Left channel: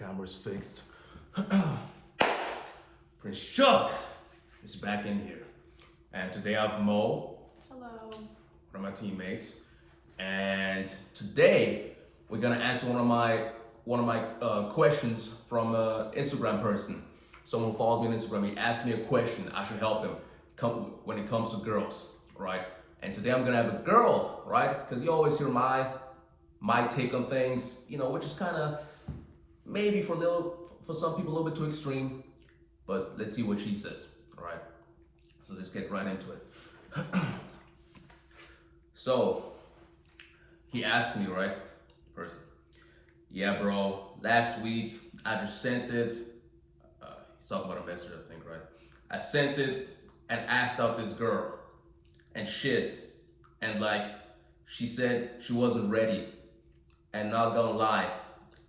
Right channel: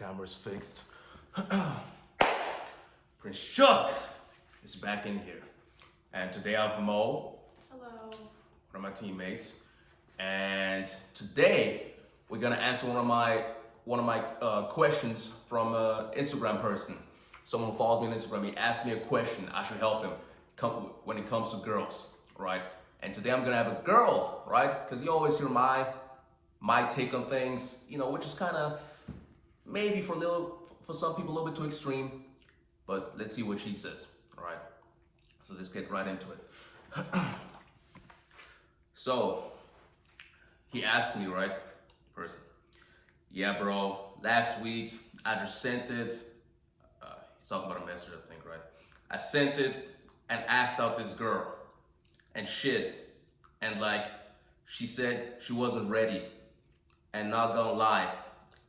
Camera's fixed. Prince Chuk is back in here. And today I have Mo. Hello. One of my teammates. And today we're gonna answer one of my questions from an Instagram person. Someone who follows me on Instagram, he asked me a question. I should help him when it comes to girls, right? And today I'm gonna have a girl, right? Because you always hear my take on things, which is kind of maybe for some people a little bit too extreme, but let's see what she says, all right? So let's get right into it. So he asked me, right, person, yeah, bro, last week I just sent it, he's talking about a message, I think, right? I sent it and asked out this girl and shit, and she said she wasn't ready, and not gonna lie,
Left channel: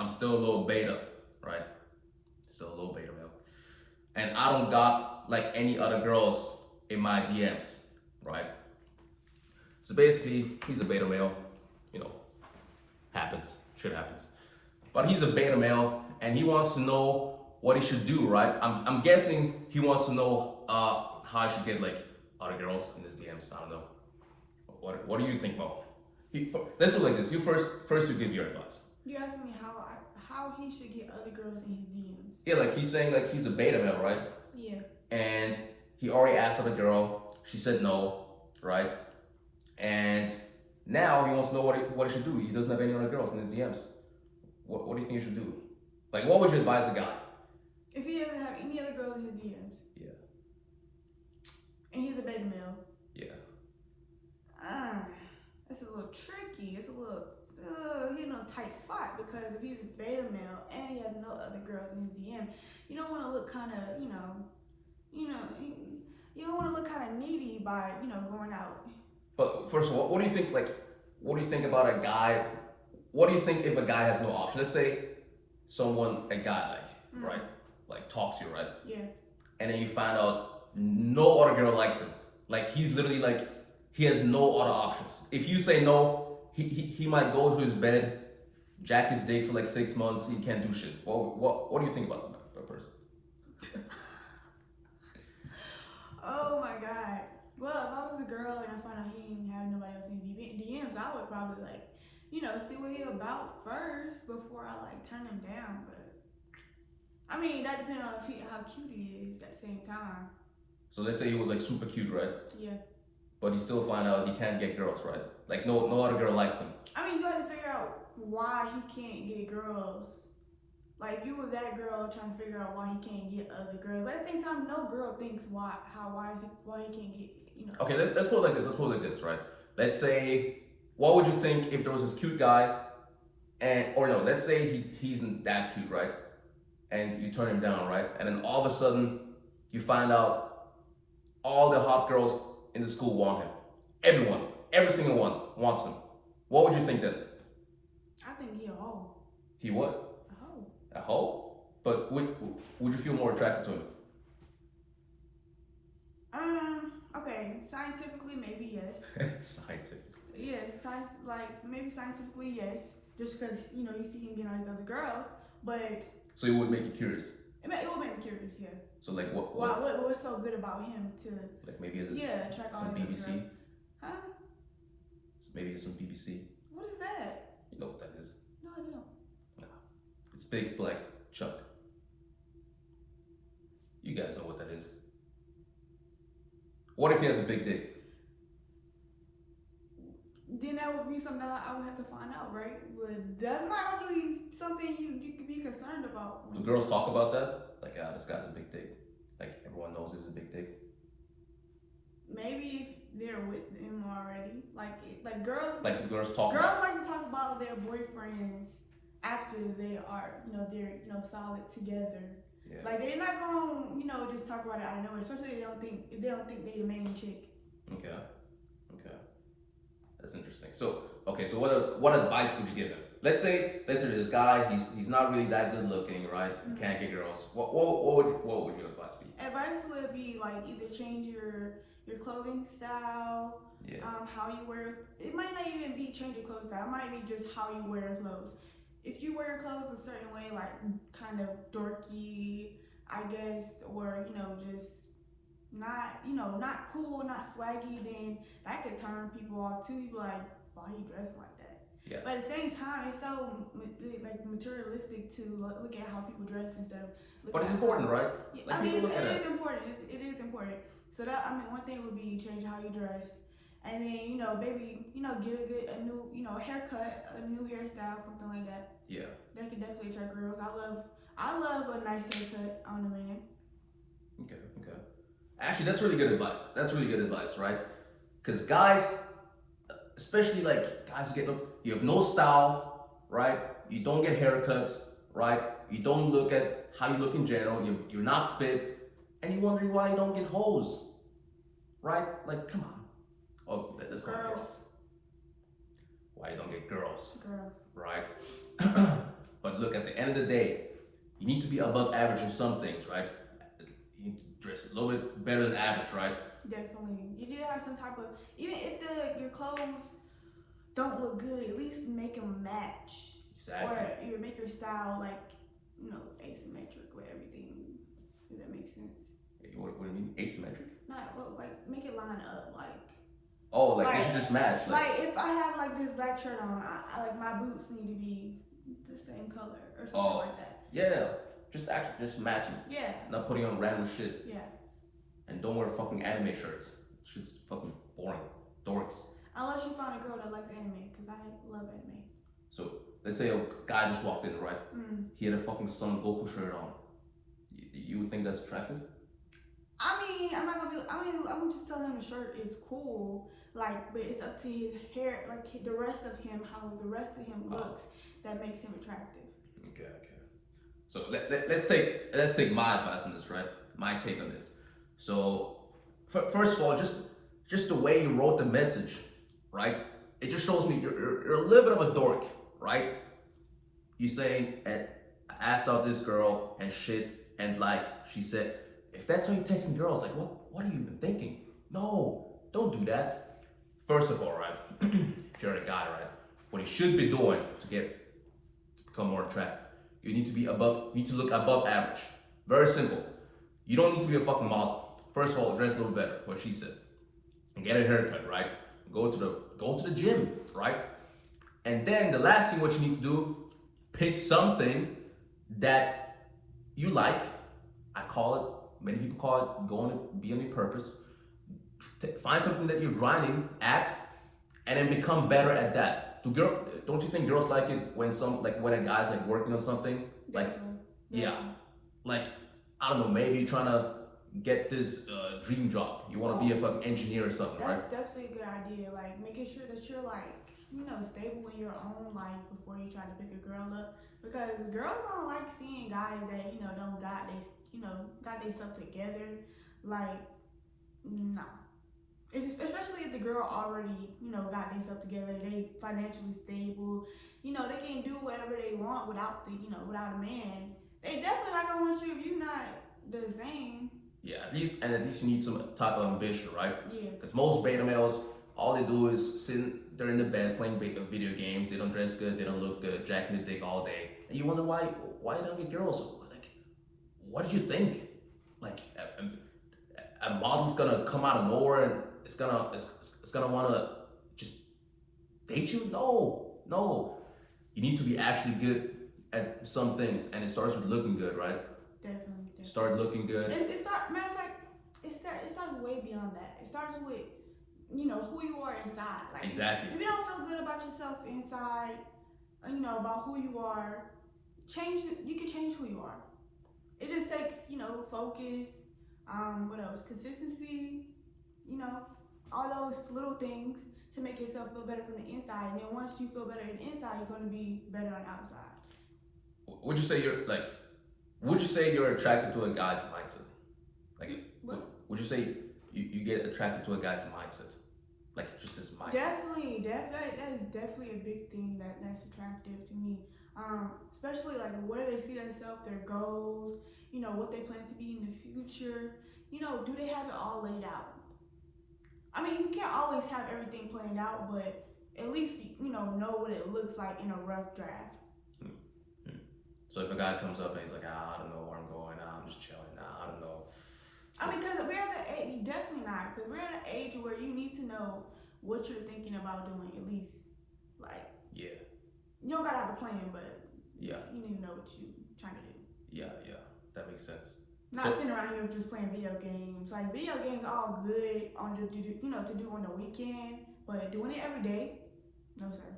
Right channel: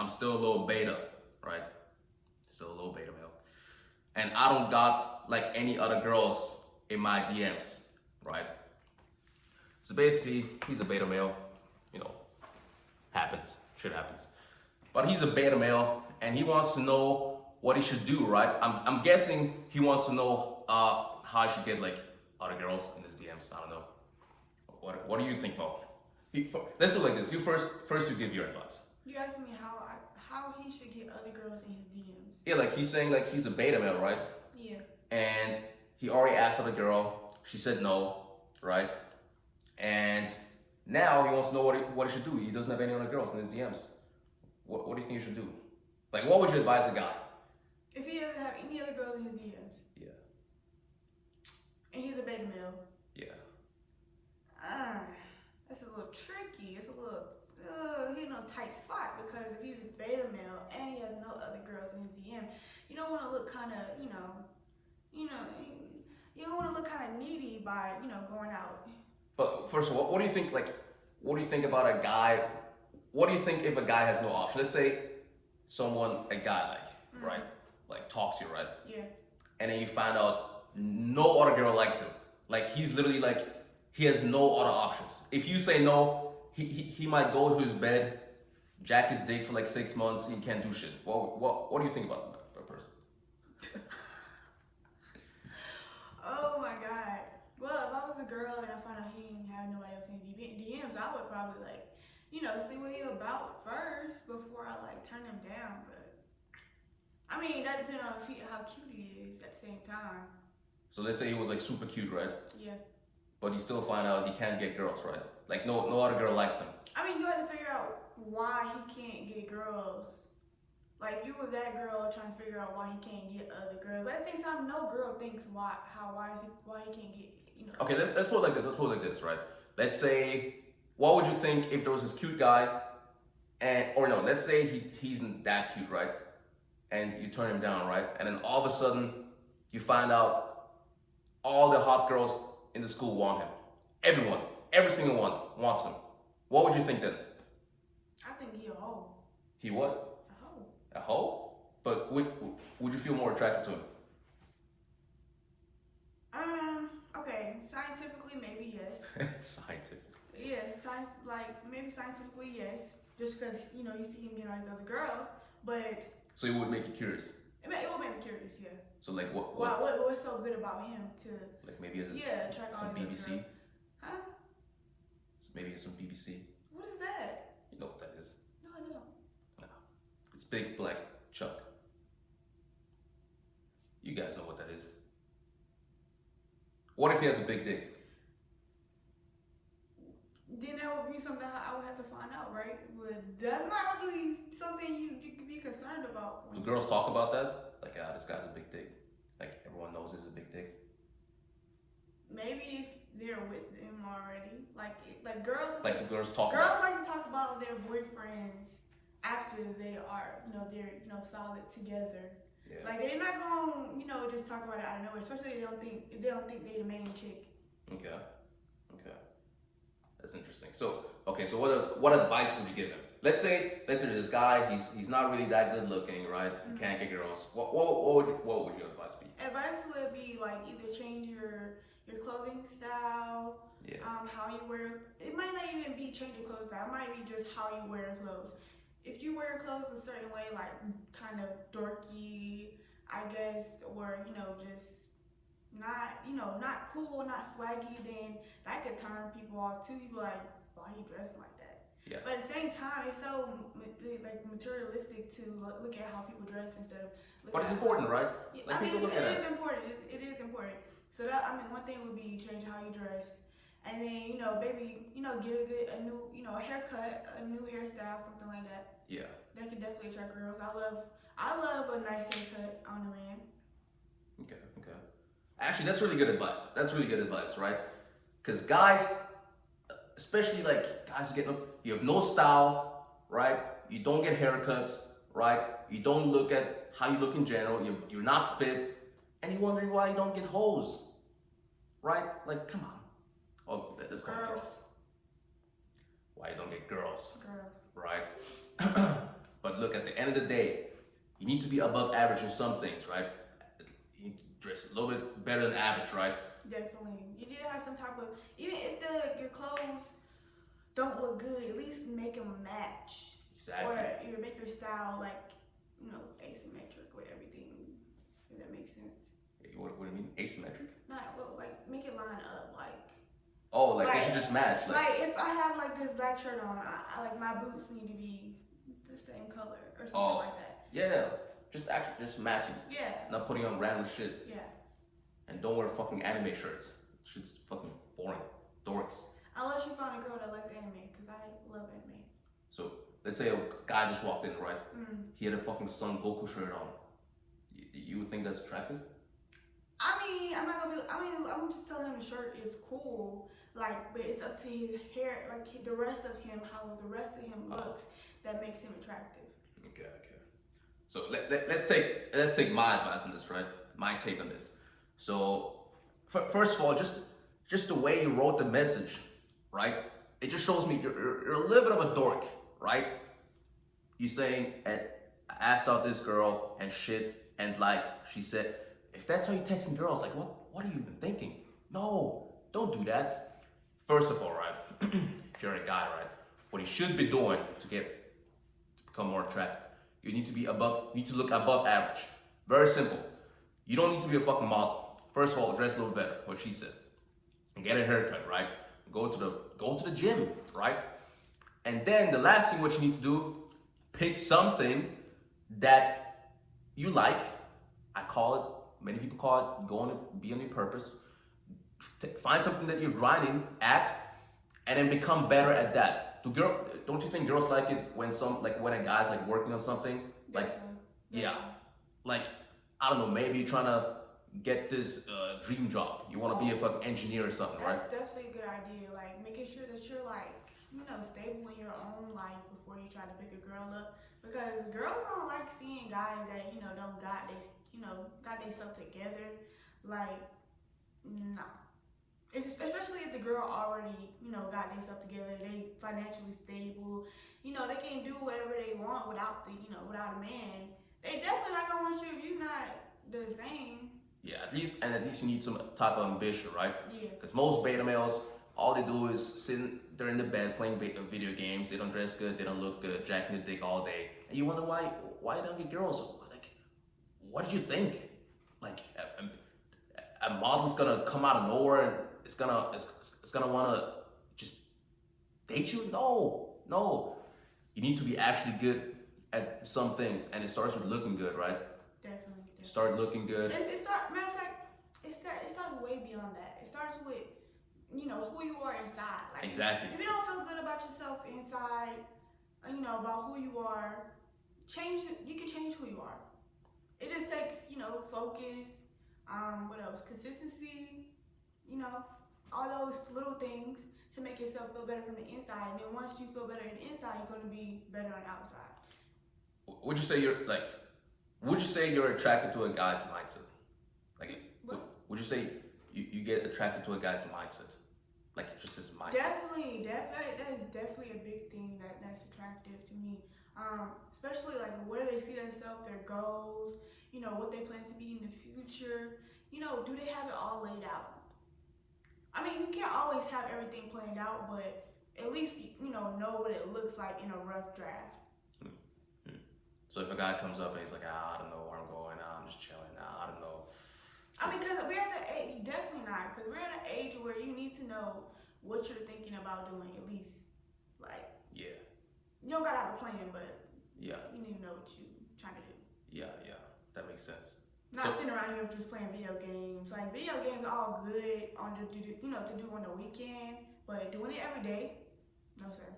I'm still a little beta, right? Still a little beta male. And I don't got any other girls in my DMs, right? So basically, he's a beta male, happens, shit happens. But he's a beta male and he wants to know what he should do, right? I'm guessing he wants to know how I should get other girls in his DMs. I don't know. What do you think, Mo? Let's do like this. You first you give your advice. You asked me how he should get other girls in his DMs. Yeah, he's saying he's a beta male, right? Yeah. And he already asked out a girl. She said no, right? And now he wants to know what he should do. He doesn't have any other girls in his DMs. What do you think he should do? What would you advise a guy? If he doesn't have any other girls in his DMs. Yeah. And he's a beta male. Yeah. That's a little tricky. It's a little he's in a tight spot, because if he's a beta male and he has no other girls in his DM, you don't want to look kind of, you don't want to look kind of needy by, going out. But first of all, what do you think? What do you think about a guy? What do you think if a guy has no option? Let's say a guy right, talks to you, right? Yeah. And then you find out no other girl likes him. He's literally he has no other options. If you say no, he might go to his bed, jack his dick for 6 months. He can't do shit. What do you think about that person? Oh my God. Well, if I was a girl and I found out he didn't have nobody else in DMs, I would probably see what he about first before I turn him down. But I mean, that depends on how cute he is at the same time. So let's say he was super cute, right? Yeah. But he still find out he can't get girls, right? No other girl likes him. I mean, you have to figure out why he can't get girls. You were that girl trying to figure out why he can't get other girls, but at the same time, no girl thinks why he can't get. Okay, let's put it like this. Let's put it like this, right? Let's say, what would you think if there was this cute guy, let's say he's not that cute, right? And you turn him down, right? And then all of a sudden, you find out all the hot girls in the school want him. Everyone, every single one wants him. What would you think then? I think he a hoe. He what? A hoe. A hoe? But would you feel more attracted to him? Okay, scientifically, maybe yes. Scientifically? Yes, maybe scientifically, yes. Just because, you see him getting all these other girls, but... So it would make you curious? It would make me curious, yeah. So what? What's so good about him to... maybe as attract all some these BBC? girls? Huh? So maybe it's some BBC? What is that? You know what that is? No, I don't. No. It's Big Black Chuck. You guys know what that is. What if he has a big dick? Then that would be something I would have to find out, right? But that's not really something you could be concerned about. Do girls talk about that? This guy's a big dick. Everyone knows he's a big dick. Maybe if they're with him already. Girls... do girls talk Girls about like to talk about their boyfriends after they are, they're, solid together. Yeah. They're not gonna, just talk about it out of nowhere, especially if they don't think they're the main chick. Okay. That's interesting. So what advice would you give him? Let's say this guy, he's not really that good looking, right? He can't get girls. What would your advice be? Advice would be either change your clothing style, how you wear. It might not even be change your clothing style. It might be just how you wear clothes. if you wear your clothes a certain way, like kind of dorky, I guess, or just not cool, not swaggy, then that could turn people off too. You be like, why he dressed like that? Yeah. But at the same time, it's so like materialistic to look at how people dress instead of looking. But it's important, right? Yeah, Like I mean, people look at it it. is important. It is important. So that one thing would be change how you dress, and then maybe get a new haircut, a new hairstyle, something like that. Yeah. That could definitely attract girls. I love a nice haircut on a man. Okay. Actually, that's really good advice. That's really good advice, right? Because guys, especially like guys you have no style, right? You don't get haircuts, right? You don't look at how you look in general. You're not fit, and you're wondering why you don't get hoes, right? Like, come on. Oh, let's go girls. Why you don't get girls? Girls. Right? But look, at the end of the day, you need to be above average in some things, right? You need to dress a little bit better than average, right? Definitely. You need to have some type of, even if your clothes don't look good, at least make them match. Exactly. Or you make your style like, asymmetric with everything. If that makes sense. What do you mean? Asymmetric? Not like make it line up, like. Oh, like they should just match. Like if I have like this black shirt on, I like my boots need to be the same color or something like that. Yeah. Just matching. Yeah. Not putting on random shit. Yeah. And don't wear fucking anime shirts. Shit's fucking boring. Dorks. Unless you find a girl that likes anime, because I love anime. So let's say a guy just walked in, right? Mm. He had a fucking Son Goku shirt on. You would think that's attractive? I mean, I'm just telling him the shirt is cool, like, but it's up to his hair, like the rest of him, how the rest of him looks, that makes him attractive. Okay. So let's take my advice on this, right? My take on this. So first of all, just the way you wrote the message, right? It just shows me you're a little bit of a dork, right? You saying, I asked out this girl and shit, and like she said, if that's how you texting girls, like what are you even thinking? No, don't do that. First of all, right? If you're a guy, right? What you should be doing to become more attractive, you need to look above average. Very simple. You don't need to be a fucking model. First of all, dress a little better, what she said. And get a haircut, right? Go to the gym, right? And then the last thing what you need to do, pick something that you like. Many people call it going to be on your purpose. Find something that you're grinding at, and then become better at that. Don't you think girls like it when a guy's like working on something? Like, yeah, like I don't know, maybe you're trying to get this dream job. You want to be a fucking engineer or something, right? That's definitely a good idea. Like making sure that you're like stable in your own life before you try to pick a girl up, because girls don't like seeing guys that don't got they stuff together. Like, no. Especially if the girl already got their stuff together, they financially stable, they can do whatever they want without a man. They definitely not gonna want you if you're not the same. Yeah, at least you need some type of ambition, right? Yeah. Because most beta males, all they do is they're in the bed playing video games. They don't dress good, they don't look good, jacking the dick all day, and you wonder why you don't get girls. Like, what do you think? Like, a model's gonna come out of nowhere and it's gonna wanna just date you? No. You need to be actually good at some things, and it starts with looking good, right? Definitely. Start looking good. Matter of fact, it starts way beyond that. It starts with who you are inside. Like, exactly. If you don't feel good about yourself inside, about who you are, you can change who you are. It just takes focus. What else? Consistency. All those little things to make yourself feel better from the inside. And then once you feel better on the inside, you're going to be better on the outside. Would you say you're attracted to a guy's mindset? Like, what? Would you say you get attracted to a guy's mindset? Like, just his mindset? Definitely. That is definitely a big thing that's attractive to me. Especially like where they see themselves, their goals, what they plan to be in the future. Do they have it all laid out? I mean, you can't always have everything planned out, but at least know what it looks like in a rough draft. So if a guy comes up and he's like, I don't know where I'm going, I'm just chilling, I don't know. I mean, because we're at the age, definitely not, because we're at an age where you need to know what you're thinking about doing, at least. Like, Yeah, you don't gotta have a plan, but yeah, you need to know what you're trying to do. yeah, that makes sense. Not sitting around here just playing video games. Like, video games are all good on the, to do on the weekend, but doing it every day, no sir.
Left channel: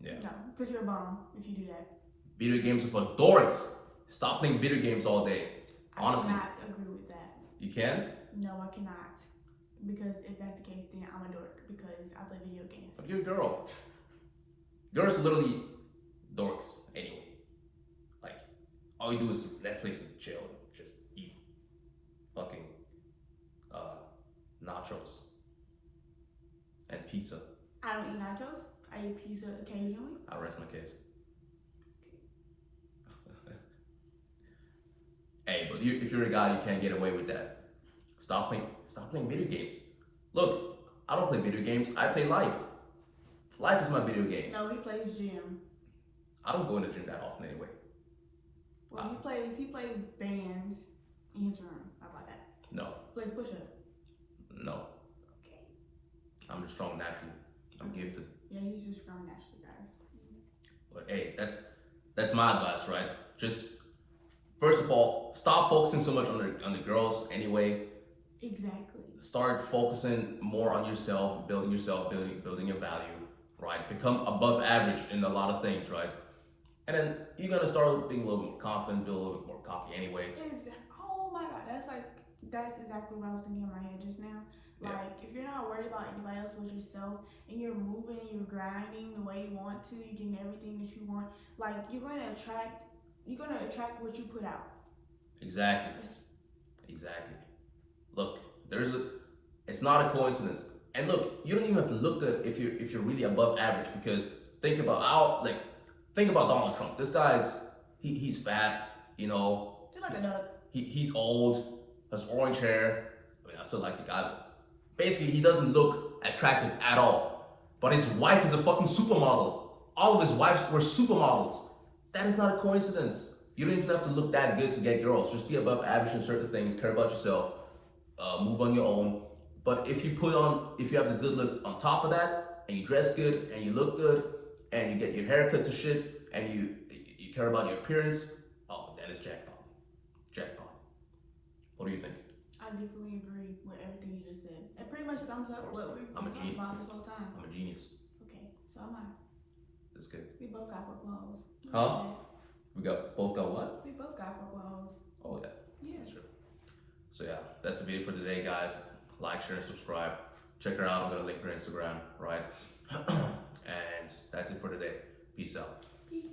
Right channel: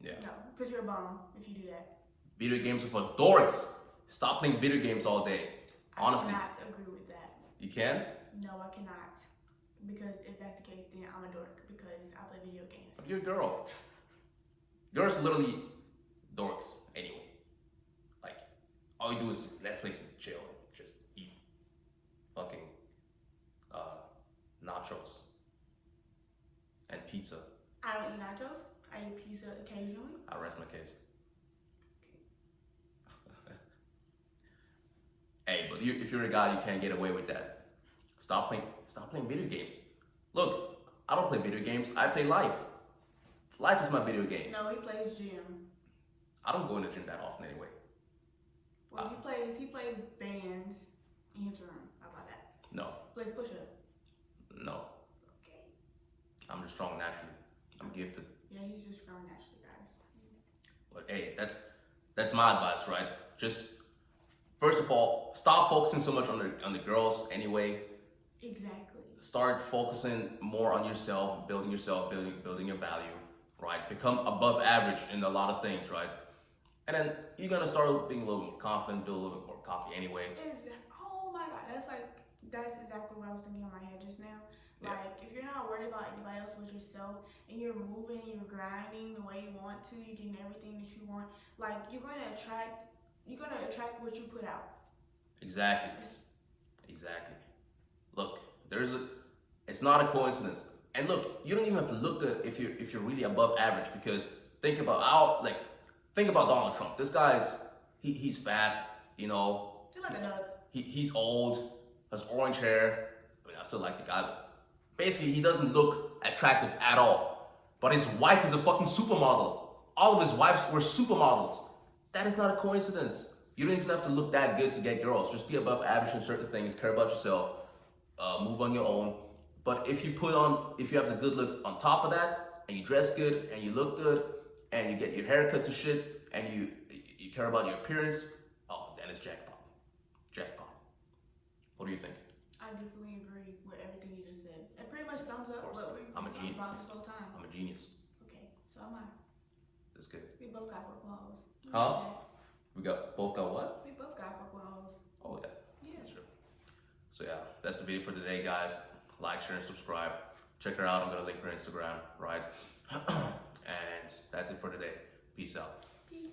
Yeah. No, because you're a bum if you do that. Video games are for dorks. Stop playing video games all day. Honestly. I cannot agree with that. You can? No, I cannot. Because if that's the case, then I'm a dork because I play video games. But you're a girl. Girls are literally dorks anyway. Like, all you do is Netflix and chill and just eat fucking nachos and pizza. I don't eat nachos. I eat pizza occasionally. I rest my case. Hey, but if you're a guy, you can't get away with that. Stop playing video games. Look, I don't play video games. I play life. Life is my video game. No, he plays gym. I don't go in the gym that often anyway. Well, he plays bands in his room. How about that? No. Plays push-up. No. Okay. I'm just strong naturally. I'm gifted. Yeah, he's just strong naturally, guys. But hey, that's my advice, right? Just first of all, stop focusing so much on the girls anyway. Exactly. Start focusing more on yourself, building your value, right? Become above average in a lot of things, right? And then you're gonna start being a little more confident, build a little bit more cocky anyway. Oh my God, that's exactly what I was thinking in my head just now. Like, if you're not worried about anybody else but yourself, and you're moving, you're grinding the way you want to, you're getting everything that you want, like, you're gonna attract what you put out. Exactly. Look, it's not a coincidence. And look, you don't even have to look good if you're really above average, because think about Donald Trump. This guy's he's fat, He's like a duck. He's old, has orange hair. I mean, I still like the guy, but basically he doesn't look attractive at all. But his wife is a fucking supermodel. All of his wives were supermodels. That is not a coincidence. You don't even have to look that good to get girls. Just be above average in certain things, care about yourself, move on your own. But if you have the good looks on top of that, and you dress good, and you look good, and you get your haircuts and shit, and you care about your appearance, oh, that is jackpot. What do you think? I definitely agree with everything you just said. It pretty much sums up what we've been talking about this whole time. I'm a genius. Okay, so am I. That's good. We both got 4 clothes. Huh? We both got what? We both got 4 clothes. Oh yeah. Yeah. That's true. So yeah, that's the video for today, guys. Like, share, and subscribe. Check her out. I'm gonna link her Instagram, right? And that's it for today. Peace out. Peace.